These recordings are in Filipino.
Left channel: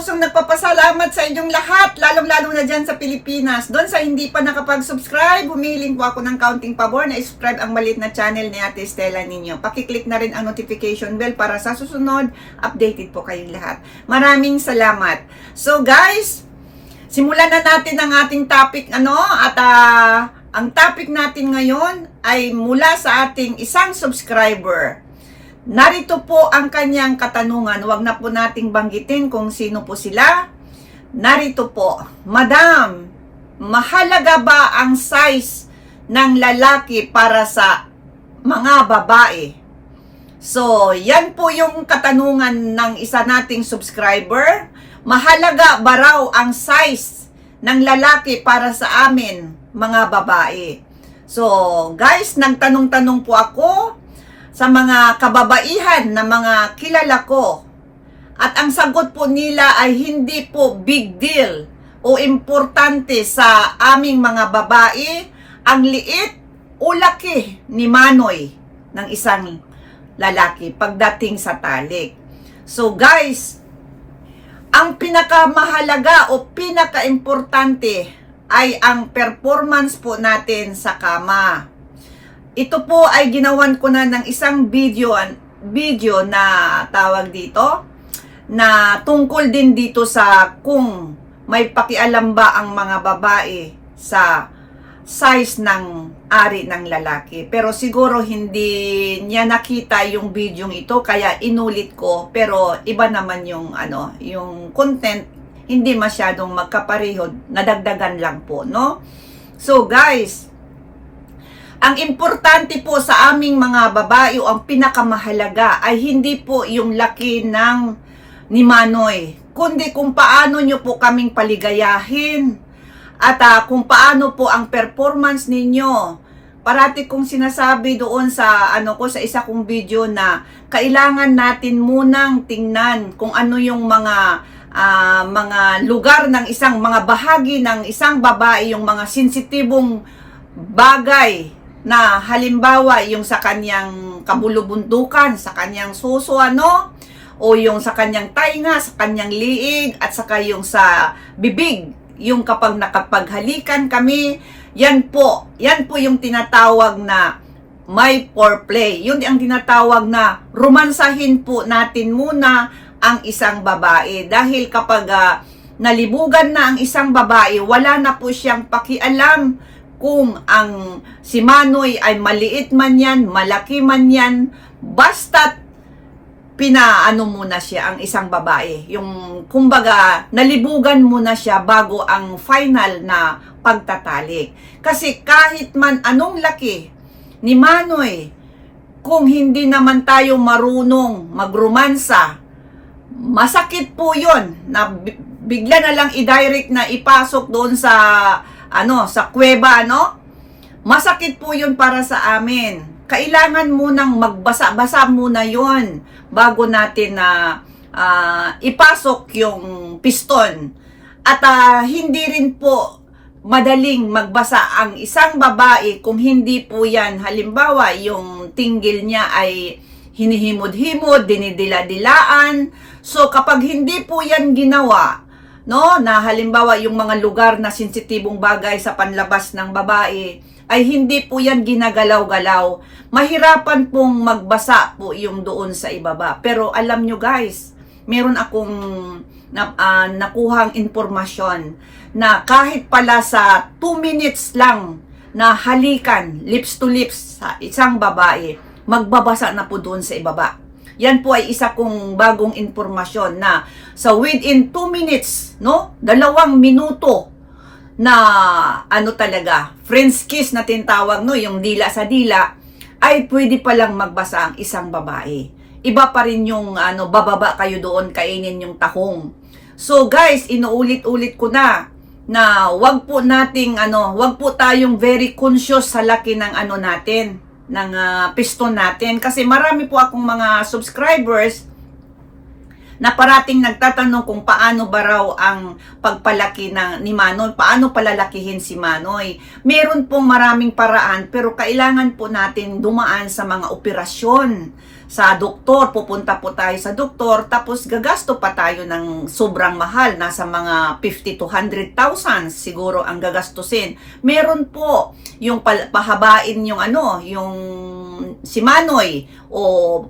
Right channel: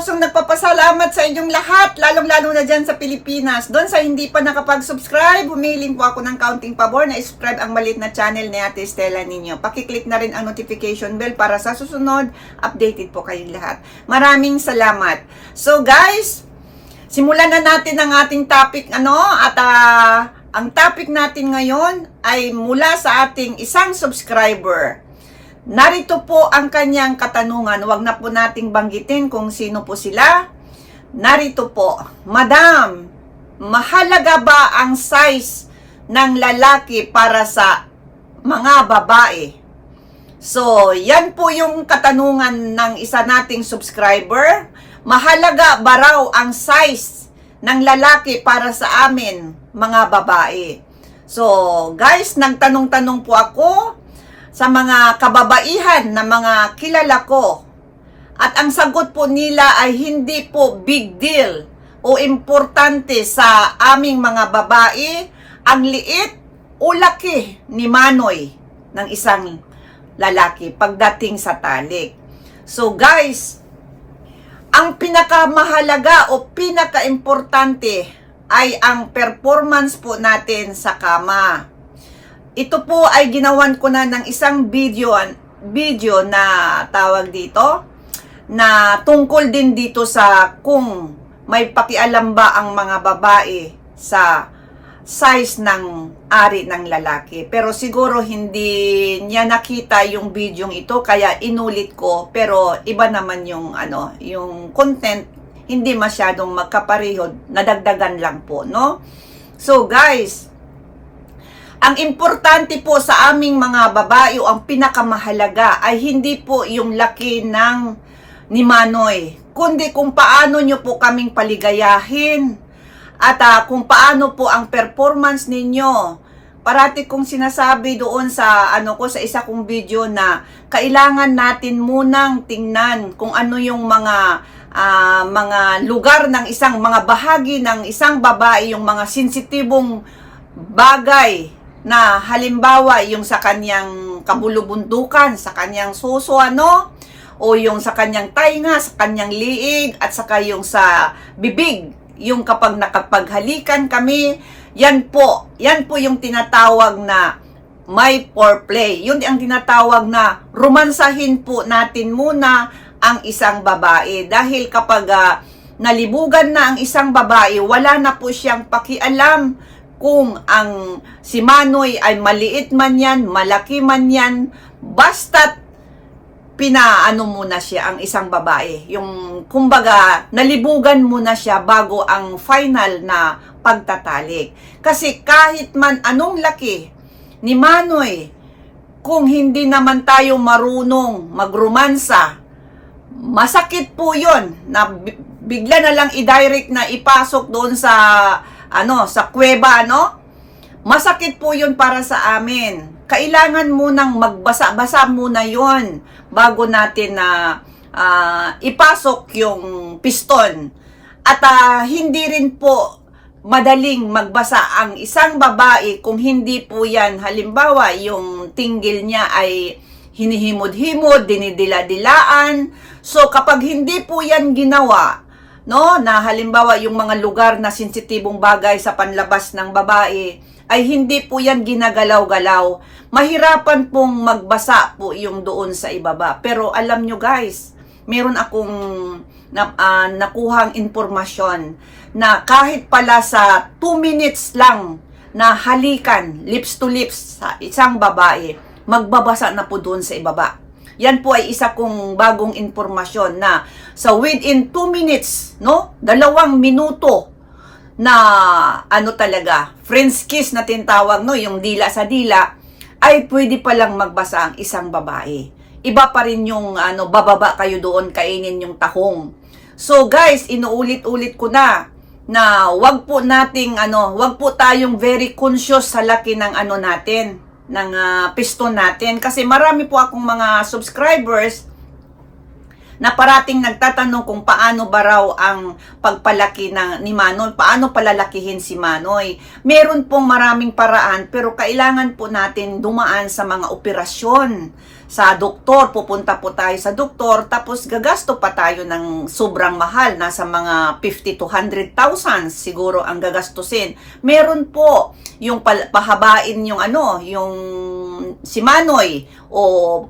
pusong nagpapasalamat sa inyong lahat, lalong-lalo na dyan sa Pilipinas. Doon sa hindi pa nakapag-subscribe, humiling po ako ng counting pabor na subscribe ang malit na channel ni Ate Stella ninyo. Pakiclick na rin ang notification bell para sa susunod, updated po kayong lahat. Maraming salamat. So guys, simulan na natin ang ating topic ano at ah, ang topic natin ngayon ay mula sa ating isang subscriber. Narito po ang kanyang katanungan. Huwag na po nating banggitin kung sino po sila. Narito po, Madam, mahalaga ba ang size ng lalaki para sa mga babae? So, yan po yung katanungan ng isa nating subscriber. Mahalaga ba raw ang size ng lalaki para sa amin, mga babae? So, guys, nagtanong-tanong po ako sa mga kababaihan na mga kilala ko. At ang sagot po nila ay hindi po big deal o importante sa aming mga babae ang liit o laki ni Manoy ng isang lalaki pagdating sa talik. So guys, ang pinakamahalaga o pinakaimportante ay ang performance po natin sa kama. Ito po ay ginawan ko na ng isang video video na tawag dito na tungkol din dito sa kung may pakialam ba ang mga babae sa size ng ari ng lalaki. Pero siguro hindi niya nakita yung video ito kaya inulit ko pero iba naman yung ano, yung content hindi masyadong magkapareho, nadagdagan lang po, no? So guys, ang importante po sa aming mga babae o ang pinakamahalaga ay hindi po yung laki ng ni Manoy, kundi kung paano nyo po kaming paligayahin at ah, kung paano po ang performance ninyo. Parati kong sinasabi doon sa ano ko sa isa kong video na kailangan natin munang tingnan kung ano yung mga ah, mga lugar ng isang mga bahagi ng isang babae, yung mga sensitibong bagay na halimbawa yung sa kanyang kabulubundukan, sa kanyang suso ano, o yung sa kanyang tainga, sa kanyang liig, at saka yung sa bibig, yung kapag nakapaghalikan kami, yan po, yan po yung tinatawag na may foreplay. Yun ang tinatawag na romansahin po natin muna ang isang babae. Dahil kapag ah, nalibugan na ang isang babae, wala na po siyang pakialam kung ang si Manoy ay maliit man yan, malaki man yan, basta't pinaano muna siya ang isang babae. Yung kumbaga nalibugan muna siya bago ang final na pagtatalik. Kasi kahit man anong laki ni Manoy, kung hindi naman tayo marunong magromansa, masakit po yon na bi- bigla na lang i-direct na ipasok doon sa ano sa kuweba no? Masakit po yun para sa amin. Kailangan munang magbasa-basa muna yon bago natin na ah, ipasok yung piston. At ah, hindi rin po madaling magbasa ang isang babae kung hindi po yan. Halimbawa yung tinggil niya ay hinihimod-himod, dinidila-dilaan. So kapag hindi po yan ginawa, no, na halimbawa yung mga lugar na sensitibong bagay sa panlabas ng babae ay hindi po yan ginagalaw-galaw. Mahirapan pong magbasa po yung doon sa ibaba. Pero alam nyo guys, meron akong na, ah, nakuhang informasyon na kahit pala sa 2 minutes lang na halikan lips to lips sa isang babae, magbabasa na po doon sa ibaba. Yan po ay isa kong bagong informasyon na sa within 2 minutes, no? Dalawang minuto na ano talaga, friends kiss na tinatawag, no? Yung dila sa dila, ay pwede palang magbasa ang isang babae. Iba pa rin yung ano, bababa kayo doon, kainin yung tahong. So guys, inuulit-ulit ko na na wag po nating ano, wag po tayong very conscious sa laki ng ano natin, ng ah, piston natin. Kasi marami po akong mga subscribers na parating nagtatanong kung paano ba raw ang pagpalaki ng, ni Manoy, paano palalakihin si Manoy. Meron pong maraming paraan pero kailangan po natin dumaan sa mga operasyon sa doktor, pupunta po tayo sa doktor, tapos gagasto pa tayo ng sobrang mahal, nasa mga 50 to 100,000 siguro ang gagastusin. Meron po yung pahabain yung ano, yung si Manoy o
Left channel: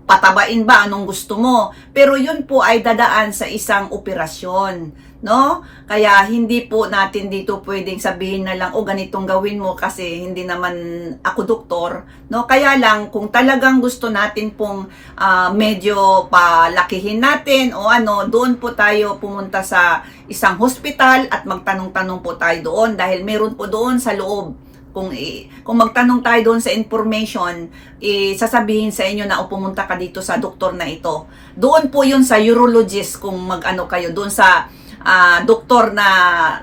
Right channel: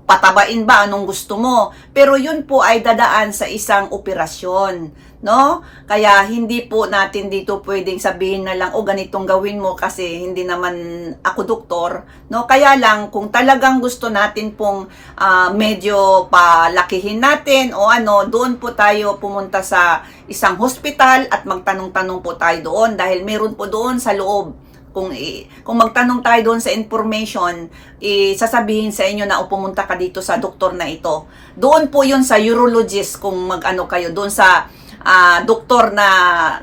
patabain ba anong gusto mo. Pero yun po ay dadaan sa isang operasyon no? Kaya hindi po natin dito pwedeng sabihin na lang, o ganitong gawin mo kasi hindi naman ako doktor, no? Kaya lang, kung talagang gusto natin pong ah, medyo palakihin natin o ano, doon po tayo pumunta sa isang hospital at magtanong-tanong po tayo doon dahil meron po doon sa loob kung i- kung magtanong tayo doon sa information, sasabihin sa inyo na o pumunta ka dito sa doktor na ito. Doon po 'yun sa urologist kung mag-ano kayo doon sa ah, doktor na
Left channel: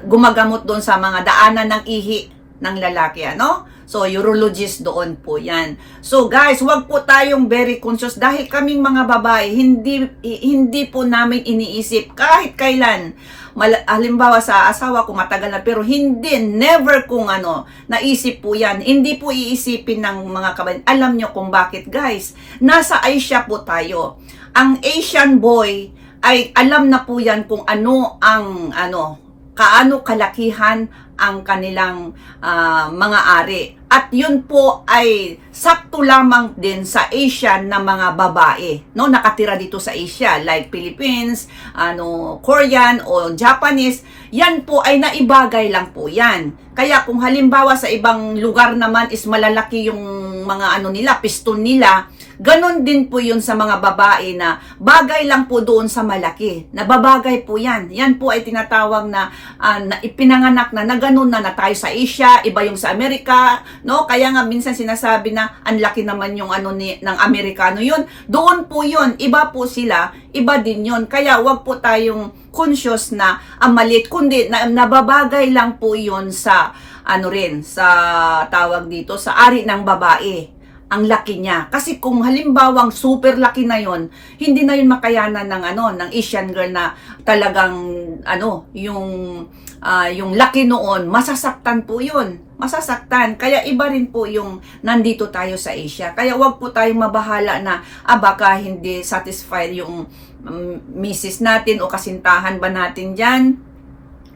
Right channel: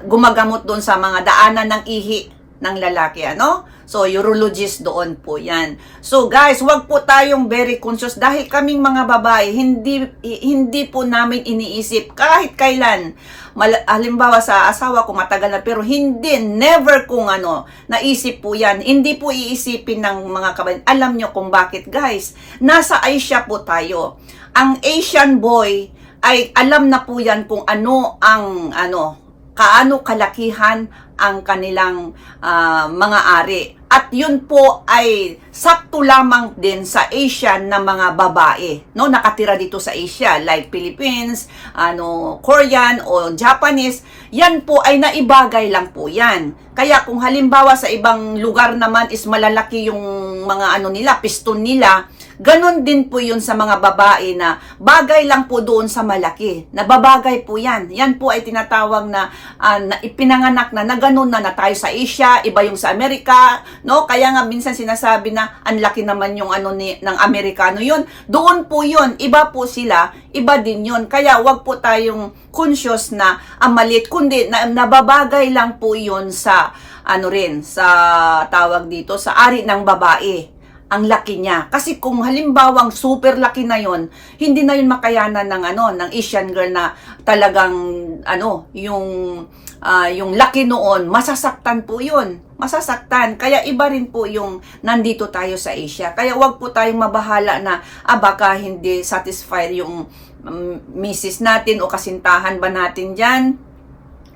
gumagamot doon sa mga daanan ng ihi ng lalaki, ano? So, urologist doon po yan. So, guys, wag po tayong very conscious dahil kaming mga babae, hindi, hindi po namin iniisip kahit kailan. Mal- halimbawa sa asawa ko matagal na, pero hindi, never kung ano, naisip po yan. Hindi po iisipin ng mga kabayan. Alam nyo kung bakit, guys. Nasa Asia po tayo. Ang Asian boy, ay alam na po yan kung ano ang ano kaano kalakihan ang kanilang ah, mga ari. At yun po ay sakto lamang din sa Asian na mga babae, no? Nakatira dito sa Asia like Philippines, ano, Korean o Japanese, yan po ay naibagay lang po yan. Kaya kung halimbawa sa ibang lugar naman is malalaki yung mga ano nila, piston nila, Ganon din po yun sa mga babae na bagay lang po doon sa malaki. Nababagay po yan. Yan po ay tinatawag na, ah, na ipinanganak na na ganon na na tayo sa Asia, iba yung sa Amerika, no? Kaya nga minsan sinasabi na ang laki naman yung ano ni, ng Amerikano yun. Doon po yun, iba po sila, iba din yun. Kaya wag po tayong conscious na ang maliit, kundi na, nababagay lang po yun sa ano rin, sa tawag dito, sa ari ng babae ang laki niya. Kasi kung halimbawang super laki na yon, hindi na yun makayanan ng ano, ng Asian girl na talagang ano, yung ah, yung laki noon, masasaktan po yun. Masasaktan. Kaya iba rin po yung nandito tayo sa Asia. Kaya wag po tayong mabahala na ah, baka hindi satisfied yung um, misis natin o kasintahan ba natin dyan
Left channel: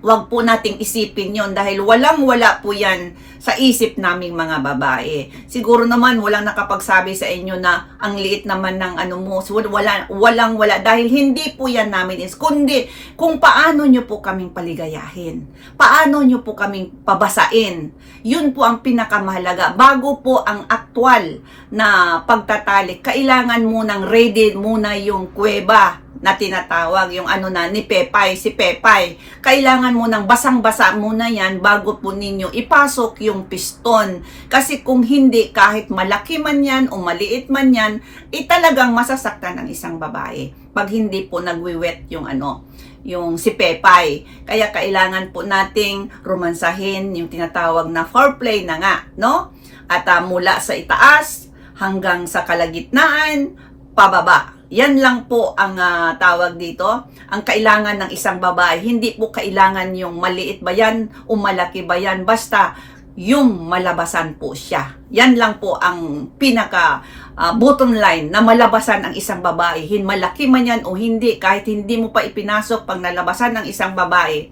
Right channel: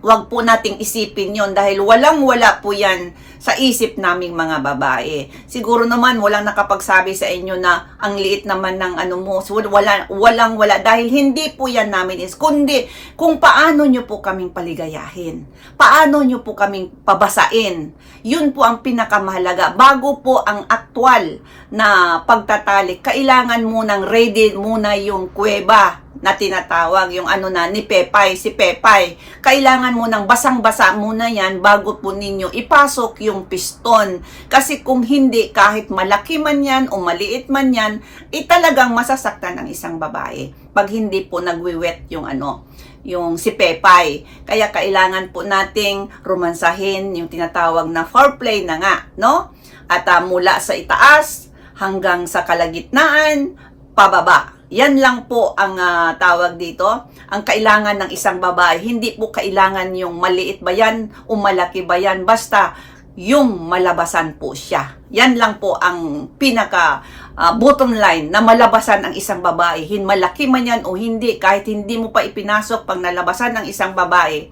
wag po nating isipin yon dahil walang wala po yan sa isip naming mga babae. Siguro naman walang nakapagsabi sa inyo na ang liit naman ng ano mo, so wala, walang wala dahil hindi po yan namin is kundi kung paano nyo po kaming paligayahin. Paano nyo po kaming pabasain. Yun po ang pinakamahalaga. Bago po ang aktwal na pagtatalik, kailangan munang ready muna yung kuweba na tinatawag, yung ano na, ni Pepay, si Pepay. Kailangan mo nang basang-basa muna yan bago po ninyo ipasok yung piston. Kasi kung hindi, kahit malaki man yan o maliit man yan, eh talagang masasaktan ng isang babae. Pag hindi po nagwiwet yung ano, yung si Pepay. Kaya kailangan po nating romansahin yung tinatawag na foreplay na nga, no? At ah, mula sa itaas hanggang sa kalagitnaan, pababa. Yan lang po ang ah, tawag dito. Ang kailangan ng isang babae, hindi po kailangan yung maliit ba yan o malaki ba yan. Basta yung malabasan po siya. Yan lang po ang pinaka ah, bottom line na malabasan ang isang babae. Hin malaki man yan o hindi, kahit hindi mo pa ipinasok pag nalabasan ng isang babae,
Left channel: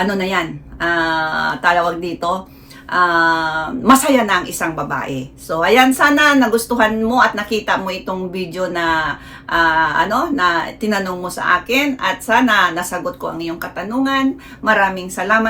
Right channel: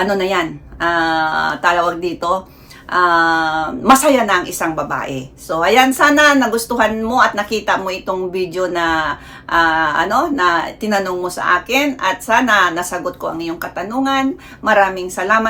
ano na yan, ah, tawag dito, ah, masaya na ang isang babae. So, ayan, sana nagustuhan mo at nakita mo itong video na, ah, ano, na tinanong mo sa akin at sana nasagot ko ang iyong katanungan. Maraming salamat.